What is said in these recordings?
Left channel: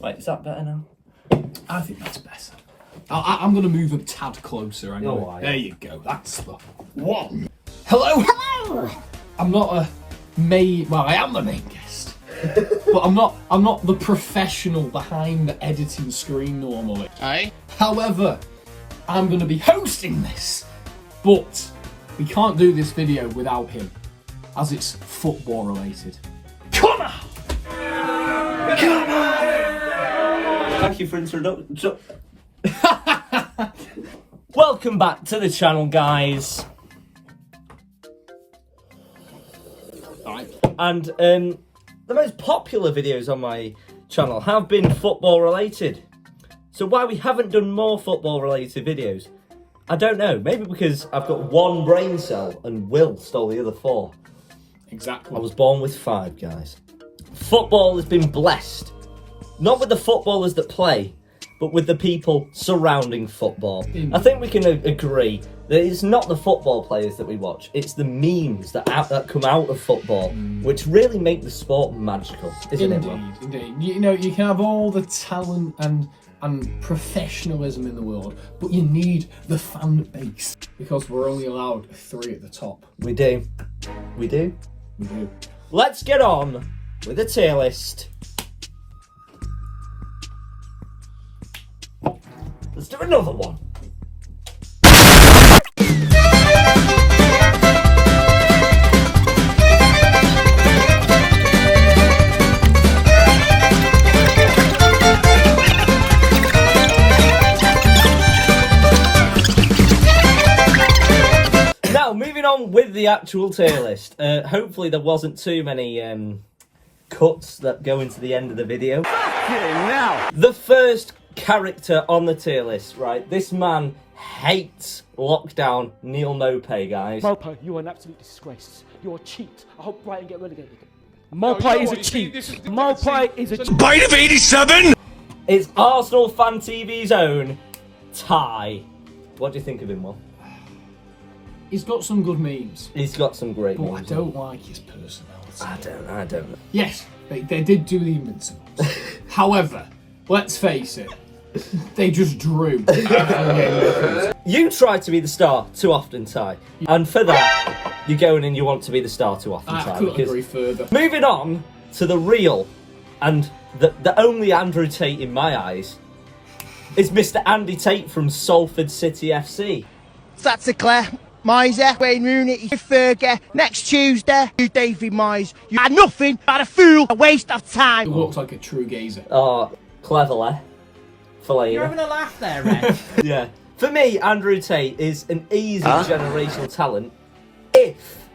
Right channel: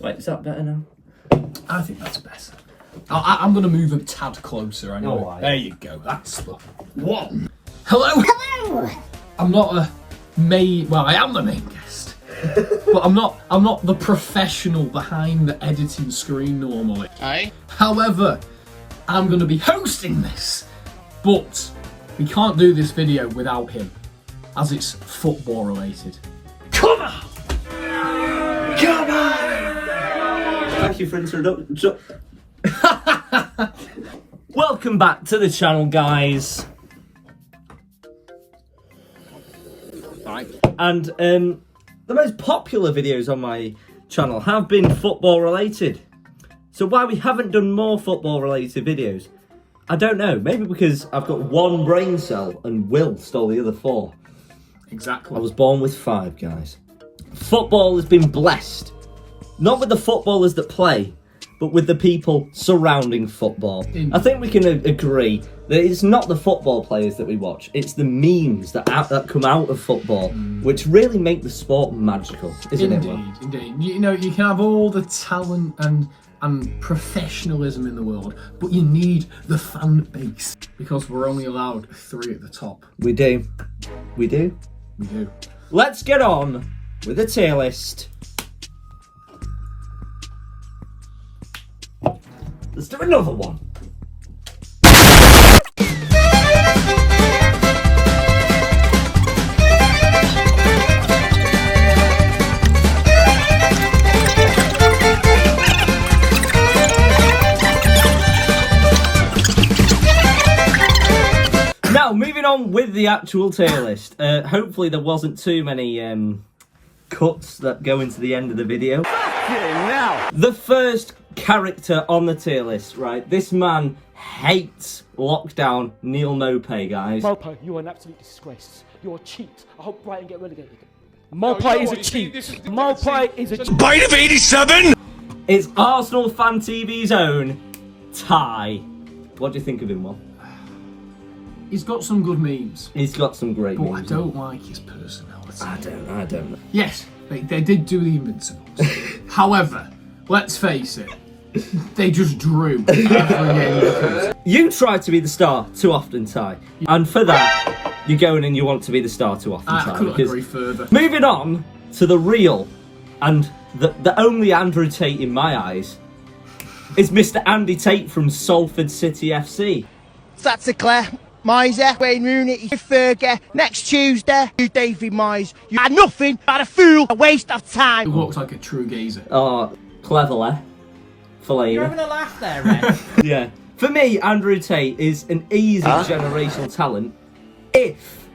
Right, is that better now? I think that's better. I'm going to move a tad closer anyway. Oh, right. There you go. That's the one. Hello. Hello. I'm not a main. Well, I am the main guest, but I'm not the professional behind the editing screen normally. Aye. However, I'm going to be hosting this, but we can't do this video without him, as it's football related. Come on! Come on! Thank you for introduction. Welcome back to the channel, guys. Alright. And the most popular videos on my channel have been football related. So why we haven't done more football related videos, I don't know. Maybe because I've got one brain cell and Will stole the other 4. Exactly. I was born with 5, guys. Football has been blessed. Not with the footballers that play, but with the people surrounding football. I think we can agree that it's not the football players that we watch, it's the memes that come out of football, which really make the sport magical, isn't it? Indeed. You know, you can have all the talent and professionalism in the world, but you need the fan base, because we're only allowed 3 at the top. We do. We do. We do. Let's get on with the tier list. Let's do another one. Now, moving on with the actual tier list. Hopefully there wasn't too many cuts that go into the end of the video. Now. The first character on the tier list, right? This man hates lockdown. Neil Maupay, guys. Maupay, you are an absolute disgrace. You're a cheat. I hope Brighton get relegated. Maupay is a cheat. Maupay is a cheat. Bite of 87! It's Arsenal Fan TV's own Ty. What do you think of him, Will? He's got some good memes, He's got some great but I memes. don't like his personality. I don't know. Yes, they did do the Invincibles. However, let's face it, they just drew. You try to be the star too often, Ty. And for that, you go in and you want to be the star too often, Ty. I couldn't because- agree further. Moving on to the real and the only Andrew Tate in my eyes is Mr. Andy Tate from Salford City FC. Claire, Miser, Wayne Rooney, Fergie, next Tuesday, you David Moyes. You are nothing but a fool, a waste of He time. looks like a true gazer. Oh, cleverly. You're having a laugh there, Red. Yeah. For me, Andrew Tate is an easy generational talent if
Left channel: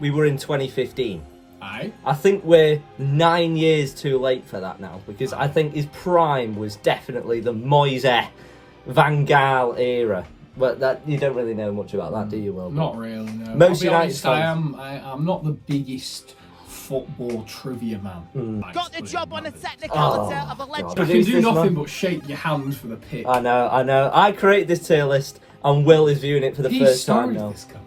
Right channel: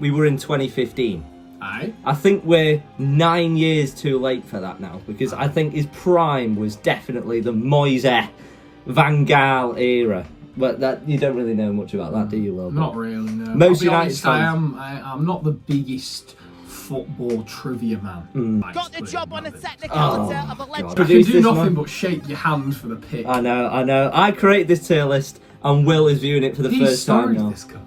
we were in 2015. Aye. I think we're 9 years too late for that now, because I think his prime was definitely the Moise Van Gaal era. But that you don't really know much about that, do you, Will? Not really, no. Most I'll be United honest, fans- I'm not the biggest football trivia man. Got the job on the technicality of a legend. I can Produce do this nothing one. but shake your hands for the pick. I know. I created this tier list, and Will is viewing it for the He first time started now. this company.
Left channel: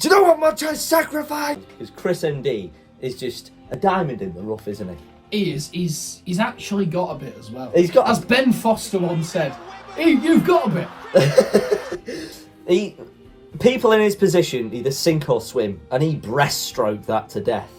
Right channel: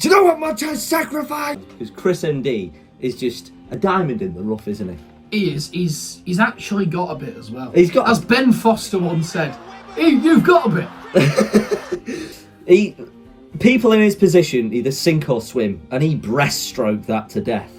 Do you know what much I sacrificed? Because Chris MD is just a diamond in the rough, isn't he? He is. He's actually got a bit as well. He's got- as Ben Foster once said, you've got a bit. People in his position either sink or swim, and he breaststroked that to death.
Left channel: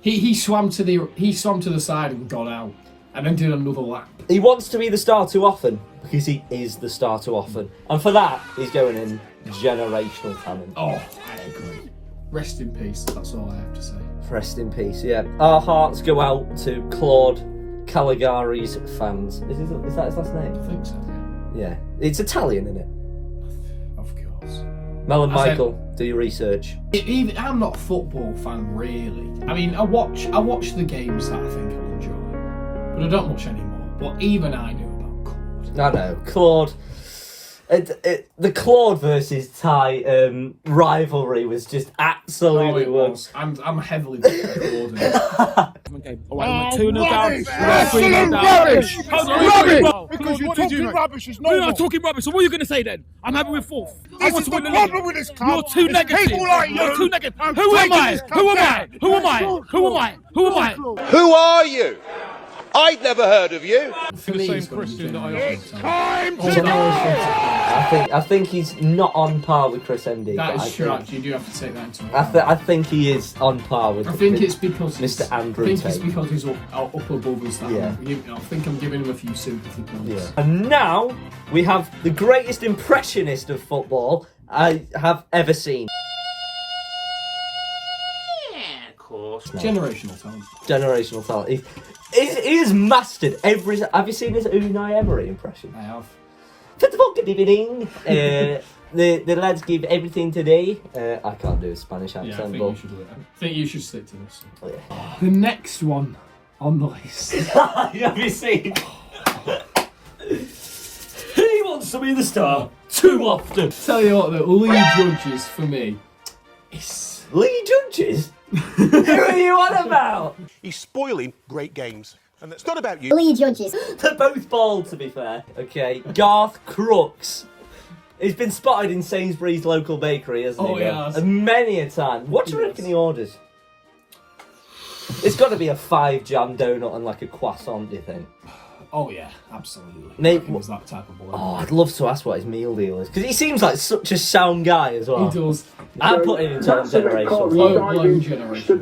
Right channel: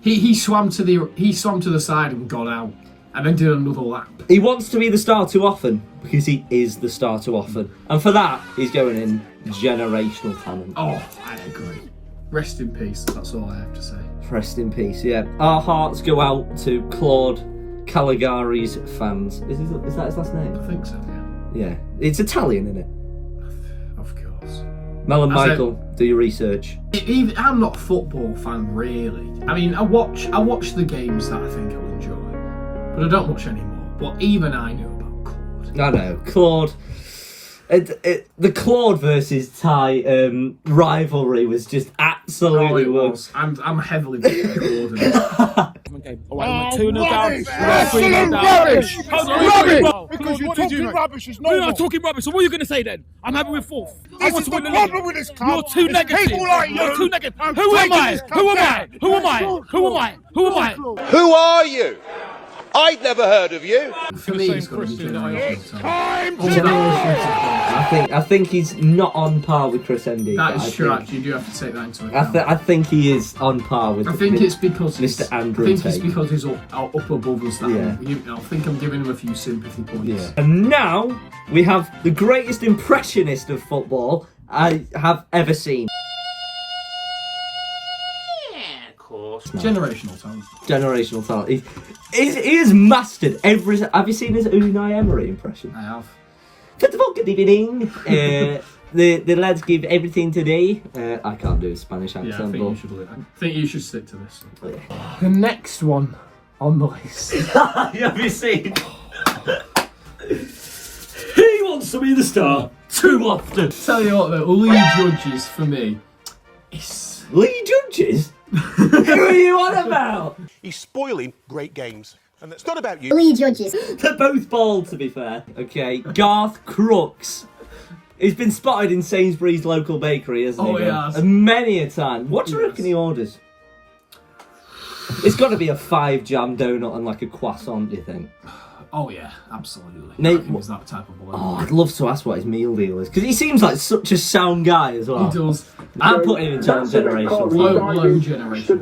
He swam to the side and got out, and then did another lap. He wants to be the star too often because he is the star too often, and for that he's going in generational talent. Oh, I agree. Rest in peace. That's all I have to say. Rest in peace. Yeah, our hearts go out to Claude Caligari's fans. Is that his last name? I think so. Yeah. Yeah, it's Italian, isn't it? Of course. Mel and I said- Michael, do your research. I'm not a football fan, really. I mean, I watch the games that I think I'll enjoy, but I don't watch anymore. But even I knew about Claude. I know, Claude. The Claude versus Ty rivalry was just absolutely Oh, it was. I'm heavily Claude. Okay. All right, 2-0 down. Rubbish! 3-0 down. Rubbish! Hold on, Rubbish! hold on. Because you're talking rubbish is No, you're normal. not talking rubbish. So what are you going to say then? I'm happy with 4th. I This want is to the win the problem league. with this club. You're too It's negative. people like You're you. too negative. I'm Who am taking I? this Who am club I? down. Who am I? Who am I? Who am I? Who am I? Who are you? I'd never heard of you. For me, it's gonna be generational I think he's not on par with Chris Endy. That but is true, actually. You do have to take that into account. I think he is on par with. I think it's because Mr. Andrew I think it's Tate. because he's up above us. That Yeah. I think I'm giving him a few sympathy points. Yeah. And now we have the greatest impressionist of football I have ever seen. Generational talent. Generational talent. He has mastered every. Have you seen his Unai Emery impression? I have. Good evening. The lads give everything today. I can't do a Spanish accent. Yeah, I think you should stick to this. but The next one on the list. have you seen? He wants to be the star too often. Tell you what, though, Lee Judges for me is. Lee Judges? Who are you on about? He's spoiling great games. And it's not about you. Lee Judges. They're both bald, to be fair. Okay, Garth Crooks. He's been spotted in Sainsbury's local bakery, hasn't he? Oh, he has. Many a time. What do you He reckon has. he orders? It's got to be a 5 jam donut and like a croissant, do you think? Oh, yeah, absolutely. Nate- He was that type of boy. Oh, I'd love to ask what his meal deal is, because he seems like such a sound guy as well. He does. I'd put him in generation. Blown generation.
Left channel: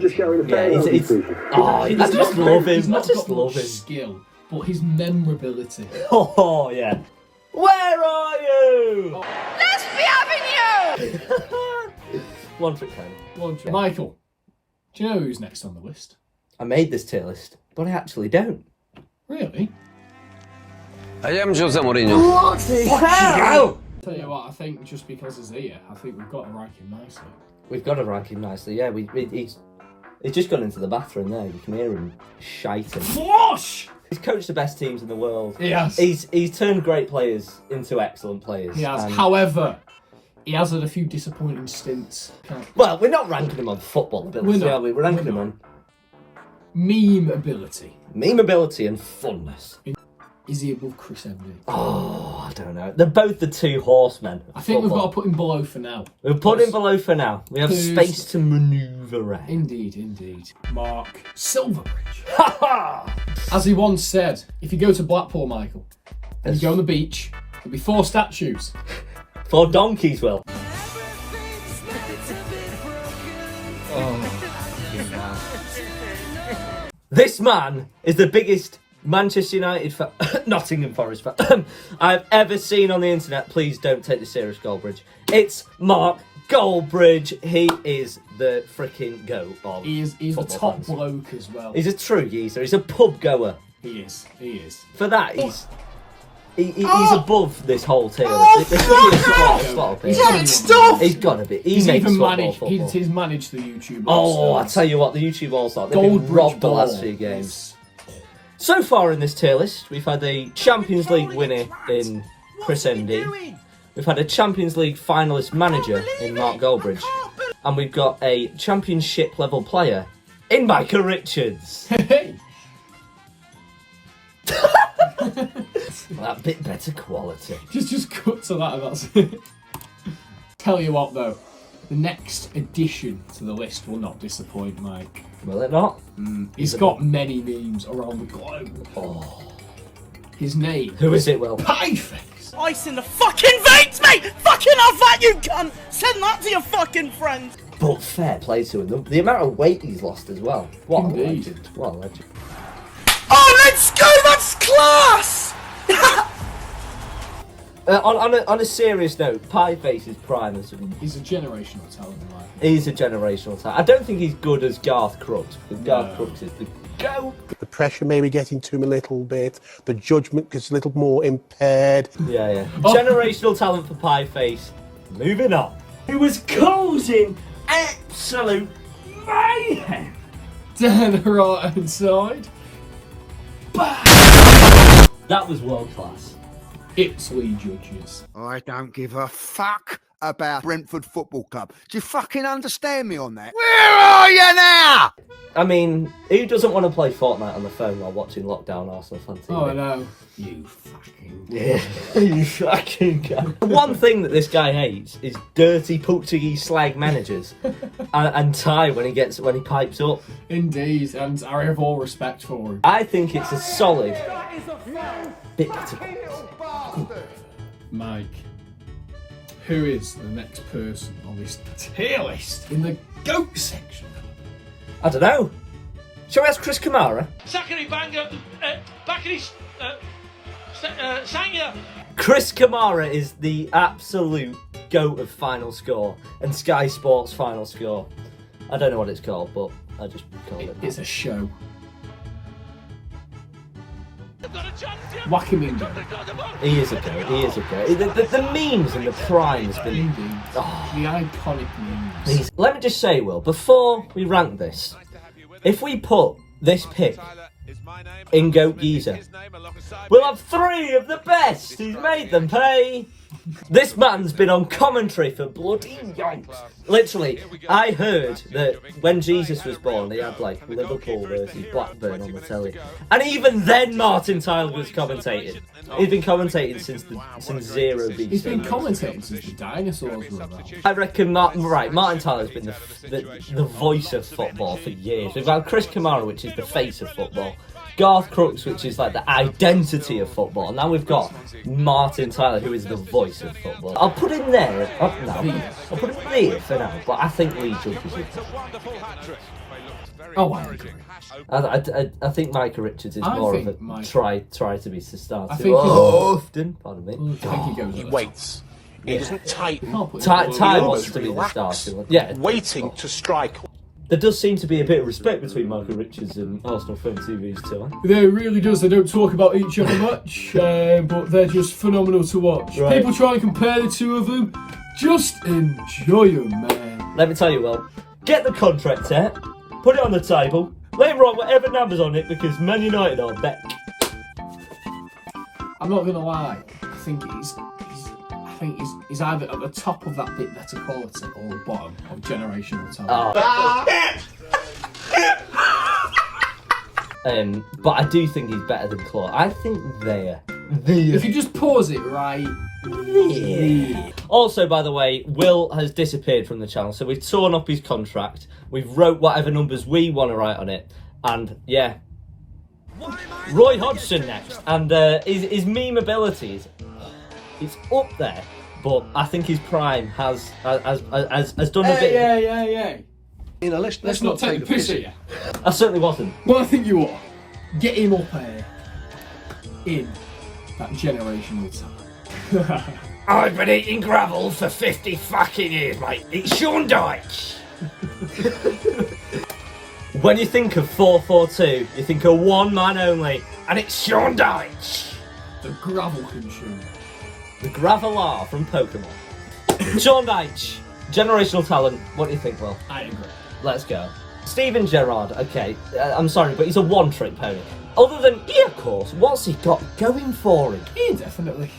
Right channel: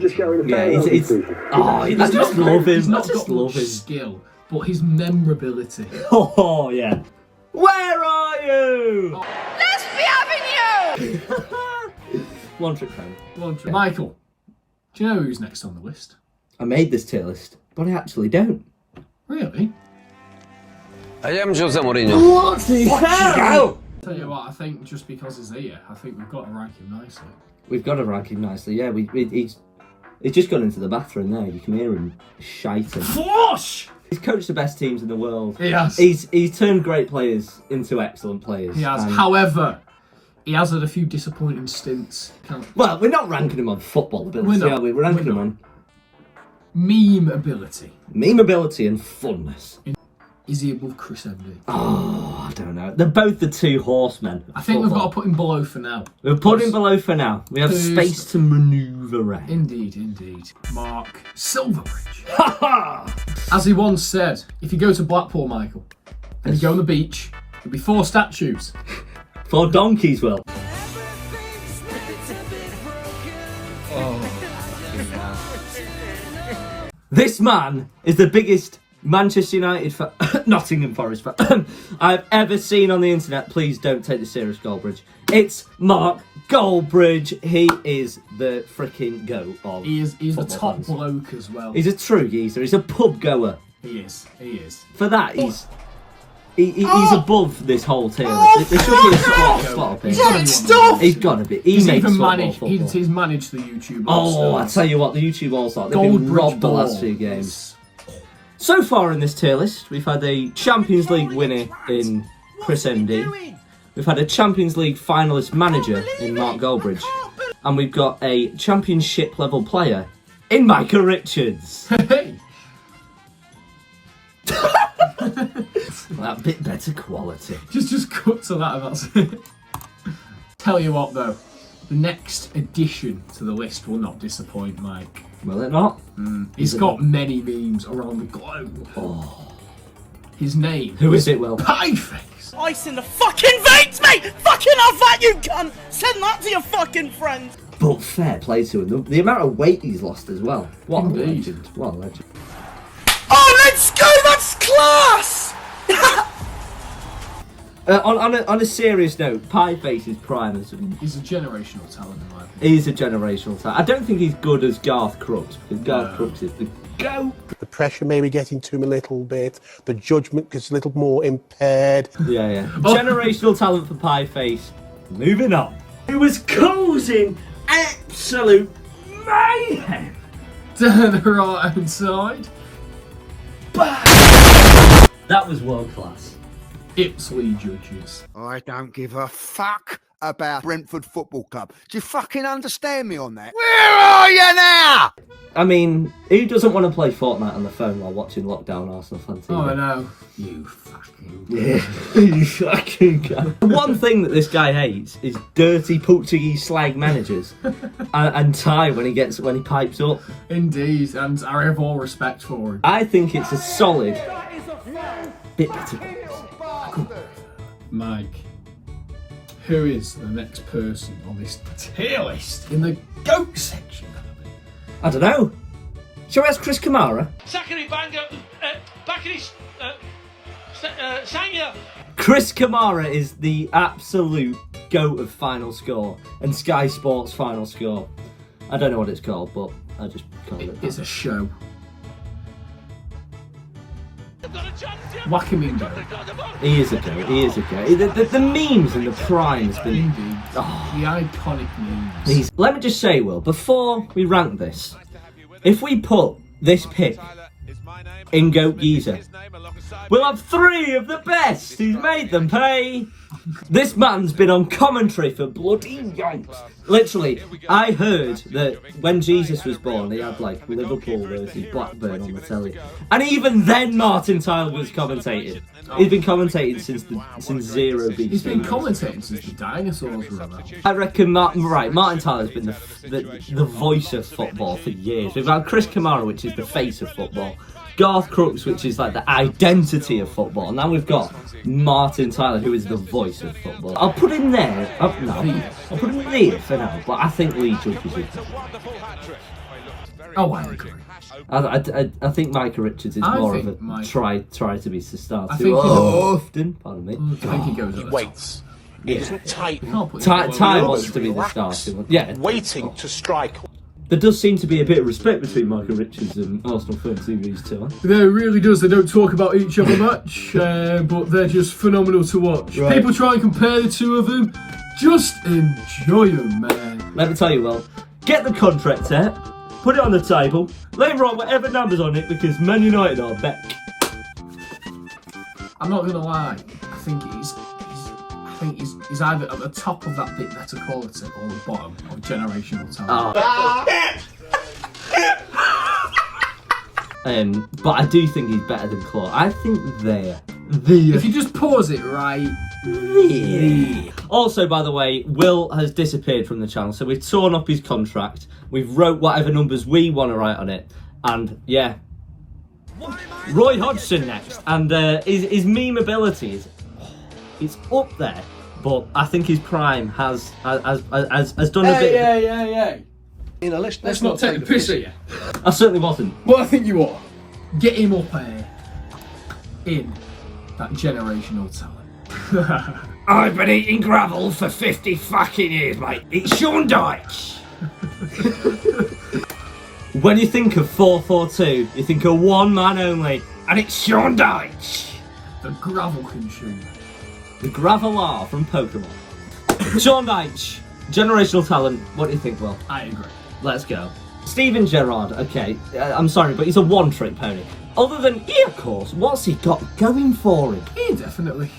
Yeah, it's I just love him. He's not I just got love much him. skill, but his memorability. Oh, yeah. Where are you? Let's be having you! One trick pony. Michael, do you know who's next on the list? I made this tier list, but I actually don't. Really? I am Jose Mourinho. Tell you what, I think just because he's here, I think we've got to rank him nicely. We've got to rank him nicely, yeah. He's just gone into the bathroom there. You can hear him shiting. Flush! He's coached the best teams in the world. He has. He's turned great players into excellent players. He has. And- However, he has had a few disappointing stints. well, we're not ranking him on football ability, We're not. are we? We're ranking him on Meme ability. meme ability and funness. Is he above Chris Endy? Oh, I don't know. They're both the two horsemen. I think we've got to put him below for now. We'll put him below for now. We have Who's- space to manoeuvre around. Indeed, indeed. Mark Silverbridge. Ha ha! As he once said, if you go to Blackpool, Michael, and you go on the beach, there'll be 4 statues. For donkeys, Will. This man is the biggest Manchester United fan, Nottingham Forest fan I've ever seen on the internet. Please don't take this serious, Goldbridge. It's Mark Goldbridge. He is the freaking goat of He's the football top fans. bloke as well. He's a true geezer. He's a pub goer. He is. For that, he's above this whole tier list. Stop! He's got to be. He He's makes even football managed. football. He's managed the YouTube. Oh, I All-Stars. tell you what, the YouTube All-Star, they've been Goldbridge robbed the Ball. last 2 games. So far in this tier list, we've had a Champions League winner in Chris Endy. We've had a Champions League finalist manager in Mark Goldbridge. And we've got a Championship level player in Micah Richards. Hey. That bit better quality. Just cut to that and that's it. Tell you what though, the next addition to the list will not disappoint, Mike. Will it not? He's got many memes around the globe. Oh. His name. Who is it, Will? Pieface. Ice in the fucking veins, mate! Fucking have that, you cunt! Send that to your fucking friends! But fair play to him. The amount of weight he's lost as well. What a Indeed. legend. What a legend. Oh, let's go! That's class! On a serious note, Pieface is prime as He's a generational talent in my opinion. he's a generational talent. I don't think he's good as Garth Crooks, because Garth Crooks is the go. The pressure may be getting to him a little bit. The judgment gets a little more impaired. Yeah. Generational talent for Pieface. Moving on. He was causing absolute mayhem. To the right hand side. That was world class. Ipsley Judges. I don't give a fuck about Brentford Football Club. Do you fucking understand me on that? Where are you now? I mean, who doesn't want to play Fortnite on the phone while watching Lockdown Arsenal Fan TV? Oh, I know. You fucking... Yeah, you fucking guy. One thing that this guy hates is dirty Portuguese slag managers and Ty when he pipes up. Indeed, and I have all respect for him. I think it's a solid bit better. Mike, who is the next person on this tier list in the GOAT section? I don't know. Shall we ask Chris Kamara? Zachary Banger, Bakary Sanya. Chris Kamara is the absolute GOAT of final score and Sky Sports final score. I don't know what it's called, but I just call it. It's a show. Wakamingo. He is a GOAT. He is a GOAT. The memes and the primes. The iconic memes. Let me just say, Will, before we rank this, if we put this pick in GOAT Geezer, we'll have 3 of the best. He's made them pay. This man's been on commentary for bloody yonks. Literally, I heard that when Jesus was born, he had like Liverpool versus Blackburn on the telly, and even then Martin Tyler was commentating. He's been commentating since zero BC. He's been commentating since the dinosaurs were around. I reckon Martin Tyler's been the voice of football for years. We've got Chris Kamara, which is the face of football. Garth Crooks, which is like the identity of football. And now we've got Martin Tyler, who is the voice of football. I'll put him there. I'll put him there for now, but I think Lee Jupp is it. Oh, I agree. I think Micah Richards is more of a try to be the starter. I think often, pardon me. I think he goes. He waits. He doesn't tighten. Ty wants to be the starter. Yeah, waiting to strike. There does seem to be a bit of respect between Michael Richards and Arsenal Fan TV's too. There really does. They don't talk about each other much, but they're just phenomenal to watch. Right. People try and compare the two of them. Just enjoy them, man. Let me tell you, Will, get the contract set, put it on the table, let him write whatever numbers on it because Man United are back. I'm not gonna lie. I think he's either at the top of that bit better quality or the bottom of generational talent. But I do think he's better than Claude. I think they're If you just pause it right. Also, by the way, Will has disappeared from the channel, so we've torn up his contract. We've wrote whatever numbers we want to write on it, and yeah. Roy Hodgson next, and his meme ability is up there, but I think his prime has done a bit. Yeah. You know, let's not take the piss at you. I certainly wasn't. Well, I think you are. Get him up there in that generational talent. I've been eating gravel for 50 fucking years, mate. It's Sean Dyche. When you think of 4-4-2, you think of one man only, and it's Sean Dyche. The gravel consumer. The Graveler from Pokemon. Sean Dyche, generational talent. What do you think, Will? I agree. Let's go. Steven Gerrard, okay, I'm sorry, but he's a one-trick pony. Other than, of course, what's he got going for him? Yeah, definitely.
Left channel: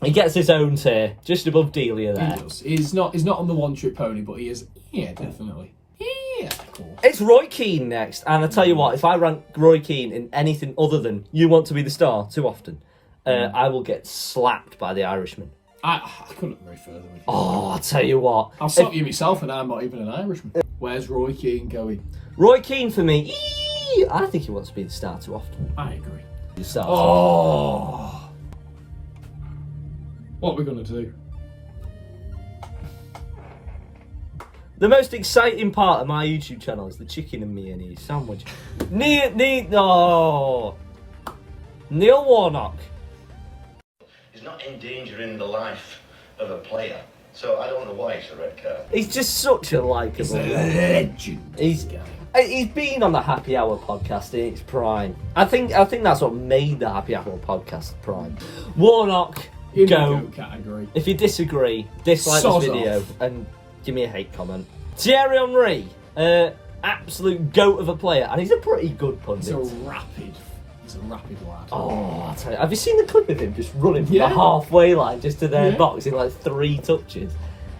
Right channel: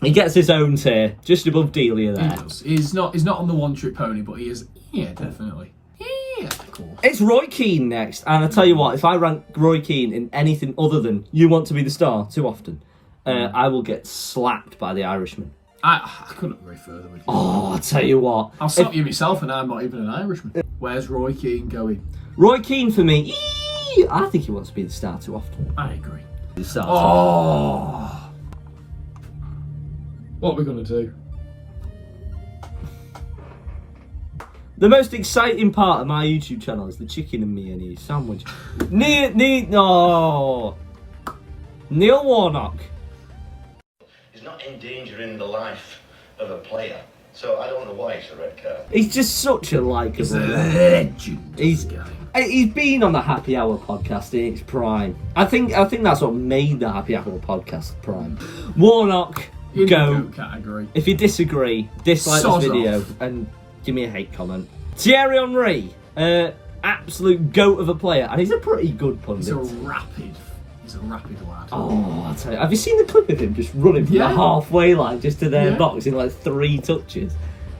He gets his own tier, just above Delia there. He does. He's not on the one-trick pony, but he is, definitely. Yeah, of course. It's Roy Keane next, and I tell you what, if I rank Roy Keane in anything other than you want to be the star too often, I will get slapped by the Irishman. I couldn't agree further with you. Oh, I tell you what. I'll stop you myself, and I'm not even an Irishman. Where's Roy Keane going? Roy Keane for me, I think he wants to be the star too often. I agree. The star Oh. What are we going to do? The most exciting part of my YouTube channel is the chicken and mayonnaise sandwich. Neil Warnock. He's not endangering the life of a player, so I don't know why it's a red card. He's just such a likeable legend. He's been on the Happy Hour podcast in its prime. I think that's what made the Happy Hour podcast prime. Warnock, in go. The GOAT category. If you disagree, dislike this video and give me a hate comment. Thierry Henry, absolute goat of a player, and he's a pretty good pundit. He's a rapid He's a rapid lad. Oh, I'll tell you. Have you seen the clip of him just running from Yeah. the halfway line just to their Yeah. box in like 3 touches?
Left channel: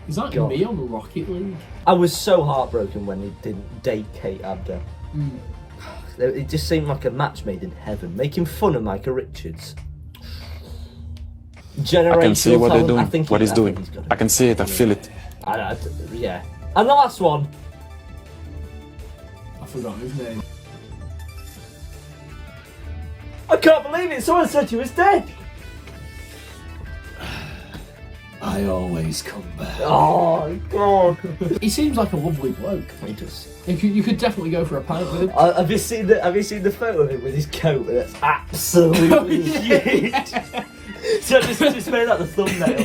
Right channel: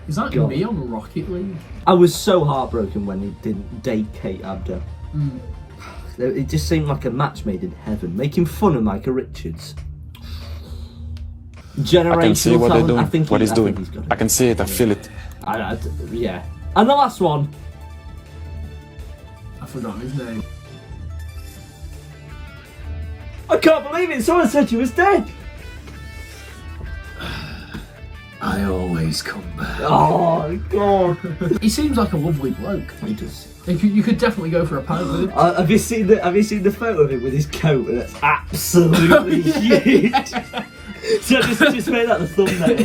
Is that God. me on the Rocket League? I was so heartbroken when he didn't date Kate Abdo. It just seemed like a match made in heaven, making fun of Micah Richards. I can see what they're Generational doing, talent, what he's I think doing. got it. I can see it, I feel it. Yeah. And the last one. I forgot his name. I can't believe it, someone said he was dead. I always come back. Oh, God. He seems like a lovely bloke. He does. You could definitely go for a pint with him. Have you seen the photo of him with his coat? That's absolutely huge. So just made that the thumbnail.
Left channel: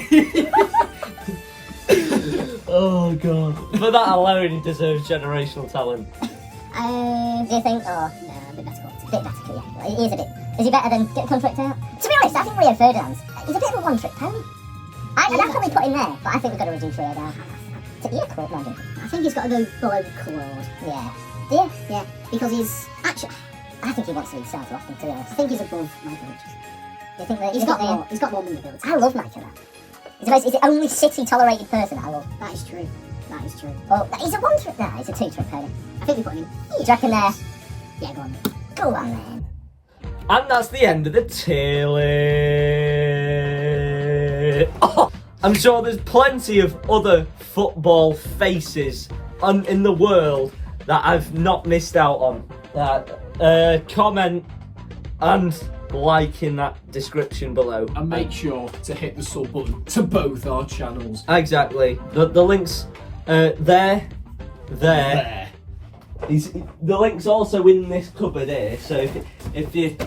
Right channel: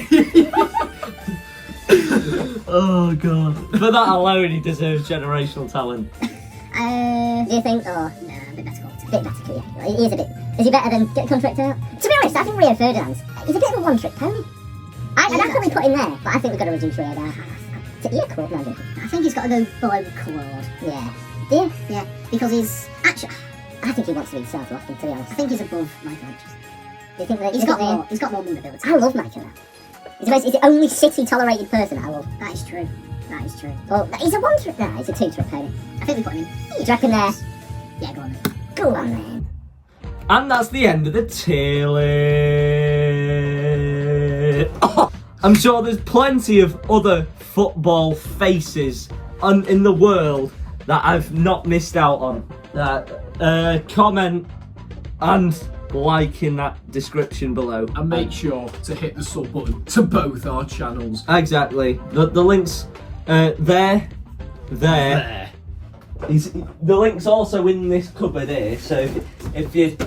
Oh God! For that alone, he deserves generational talent. Do you think? Oh no, a bit better. A bit better, yeah. He is a bit. Is he better than get a contract out? To be honest, I think Rio Ferdinand's. He's a bit of a one-trick pony. I'd definitely put him there, but I think we've got to reduce Rio down. To ear Claude, no, I think he's got to go below Claude. Yeah. Do you? Yeah. Because he's actually. I think he wants to be South Rockton, to be honest. I think he's above Michael Richards. Do you think that he's got more? He's got more movability. I love Michael. He's the only City-tolerated person that I love. That is true. That is true. Oh, he's a one-trick. No, he's a two-trick pony. I think we put him in. Do you reckon there? Yeah, go on. Go on then. And that's the end of the tier list. Oh, I'm sure there's plenty of other football faces in the world that I've not missed out on. Comment and like in that description below. And make sure to hit the sub button to both our channels. Exactly. The links there. The link's also in this cupboard here, so if you